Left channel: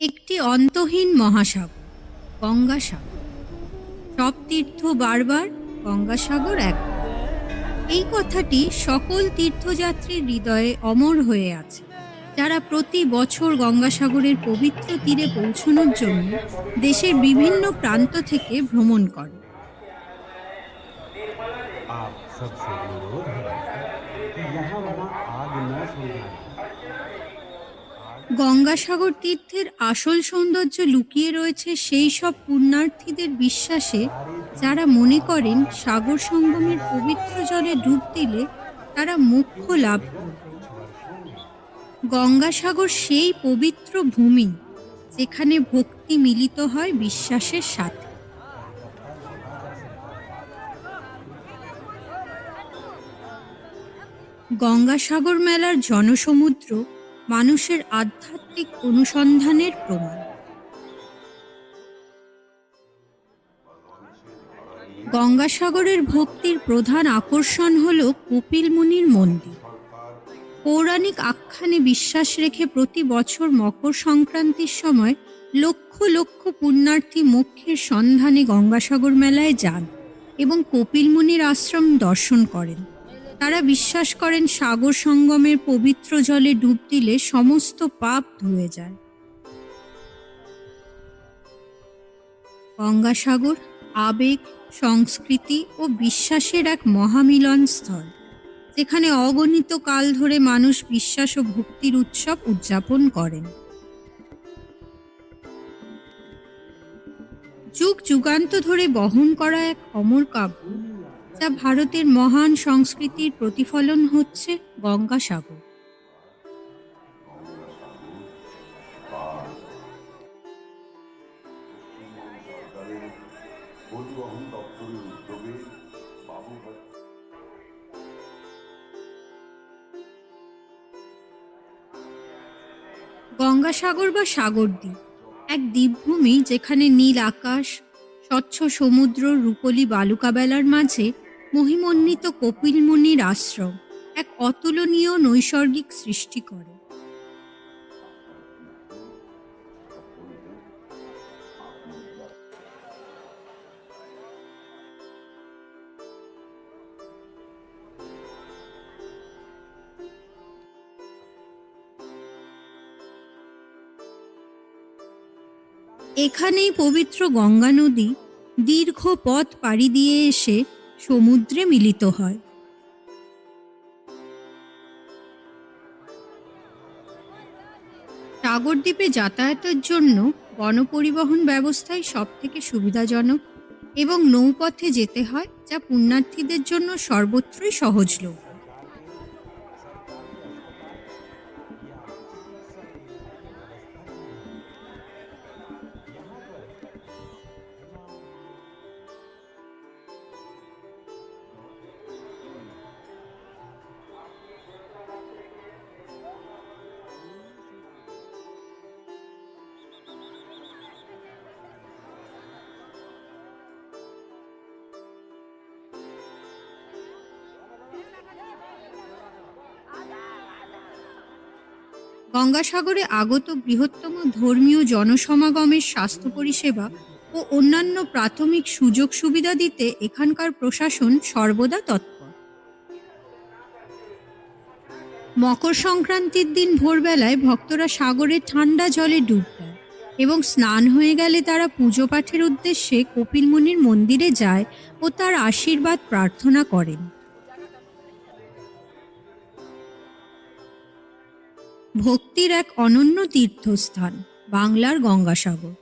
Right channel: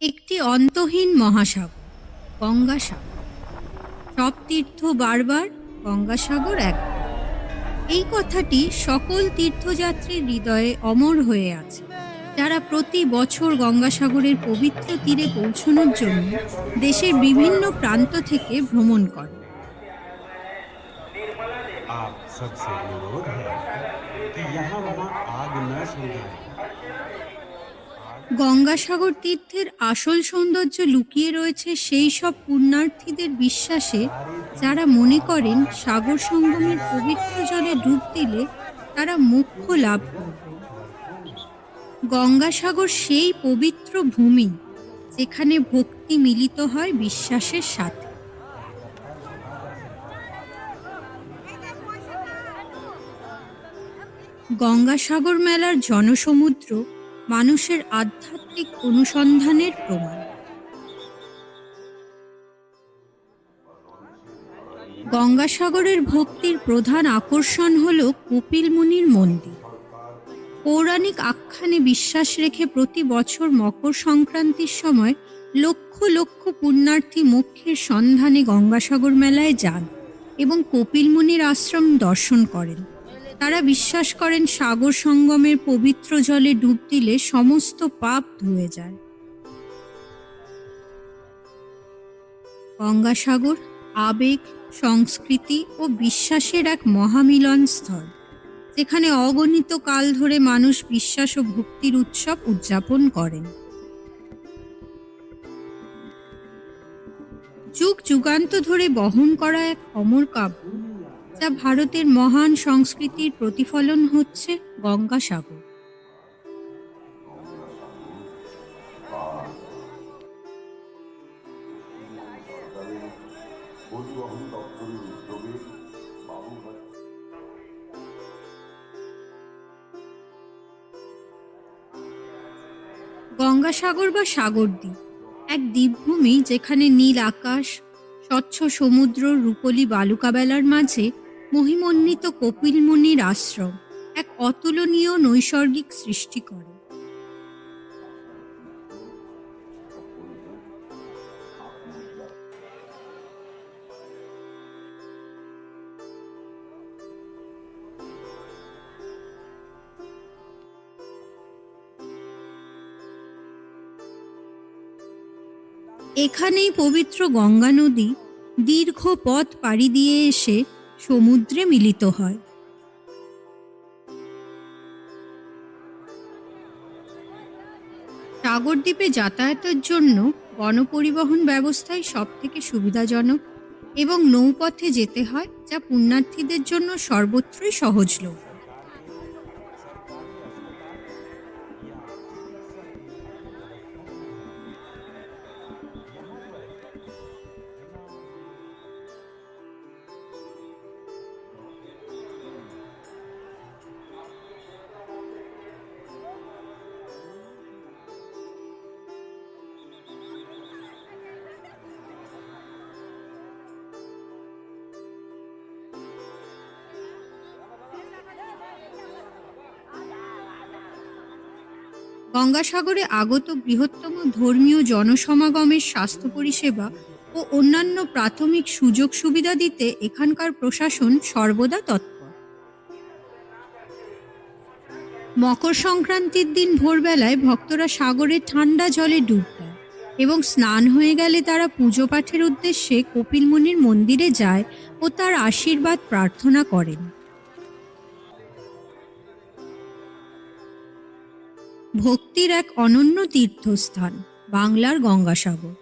একটি অন্তহীন মহাসাগর গঙ্গাসাগর সব তীর্থ বারবার গঙ্গাসাগর এক এই কথাটি সকল তীর্থযাত্রীর হৃদয়ে অমর হয়ে আছে যারা প্রতি বছর গঙ্গাসাগরের পবিত্র তীরে পৌঁছানোর জন্য দেশের বিভিন্ন প্রান্ত থেকে ভ্রমণ করে आप सबसे अनुरोध है कि यहाँ वहाँ आग न सुलगाएं গঙ্গাসাগর তীর্থের আসল সৌন্দর্য লুকিয়ে রয়েছে সেই সব পুণ্যার্থীদের বিশ্বাসে, যারা মনে করেন সাগর সঙ্গমের পবিত্র জলে ডুব দিলে তারা মোক্ষ লাভ গঙ্গাসাগর সেই পবিত্র ভূমি যেখানে ভক্তি মিলিত হয় বিশ্বাসের সাথে। গঙ্গাসাগর মেলার জনসমুদ্র মানুষের আধ্যাত্মিক অনুসন্ধানের প্রমাণ। গঙ্গাসাগরের ভক্তির প্রধান আকর্ষণ হল কপিল মুনির মন্দির। পৌরাণিক আখ্যানে বিশ্বাস রেখে প্রতি বছর মকর সংক্রান্তির সময় লক্ষ লক্ষ পুণ্যার্থী মোক্ষের সন্ধানে গঙ্গাসাগর মেলায় যান এবং কপিল মুনির আশ্রম দর্শন করেন। তারা বিশ্বাস করেন সাগর সঙ্গমের পবিত্র জলে ডুব দিলে সমস্ত পাপ ধুয়ে যায়। গঙ্গাসাগর, আবেগ, সংস্কৃতি ও বিশ্বাসের এক মহামিলন স্থল, যেখানে অগণিত কাল ধরে মানুষ বিশ্বাস ও ভক্তির উৎসব উদযাপন করেন। যুগ যুগান্ত ধরে বহন করা এক অমর কাব্য। যা ভারতের মহান সংস্কৃতির প্রতিফলন হচ্ছে গঙ্গাসাগর। গঙ্গাসাগর বা সাগরদ্বীপ, এক দ্বীপভূমি যেখানে নীল আকাশ, স্বচ্ছ সমুদ্র, রূপলি বালুকাবেলার মাঝে মহিমন্বিত কপিলমুনির আশ্রম এক অতুলনীয় নৈসর্গিক সৃষ্টি করে। এখানেই পবিত্র গঙ্গা নদী দীর্ঘ পথ পাড়ি দিয়ে এসে সমুদ্রে মিলিত হয়। সাগরদ্বীপে যাতায়াতের জন্য গণপরিবহন ব্যবস্থায় সব থেকে সুবিধাজনক এবং নৌপথে যেতে হয় যা পুণ্যার্থীদের জন্য সর্বত্রই সহজলভ্য। গঙ্গাসাগরে আগত বৃহত্তম ধর্মীয় জনসমাগমের স্বাস্থ্য পরিষেবা ও অন্যান্য প্রাথমিক সুযোগ সুবিধা দিতে এখানকার প্রশাসন সর্বদা তৎপর। মকর সংক্রান্তির দিন ভোরবেলায় ভক্তরা সাগরে ঠান্ডা জলে ডুব দেয় এবং স্নান হয়ে গেলে তারা পুজো পাঠের উদ্দেশ্যে কপিলমুনির মন্দিরে যায় ও তার আশীর্বাদ প্রার্থনা করেন। ভক্তির এক অনন্য তীর্থস্থান বাংলার গঙ্গাসাগর।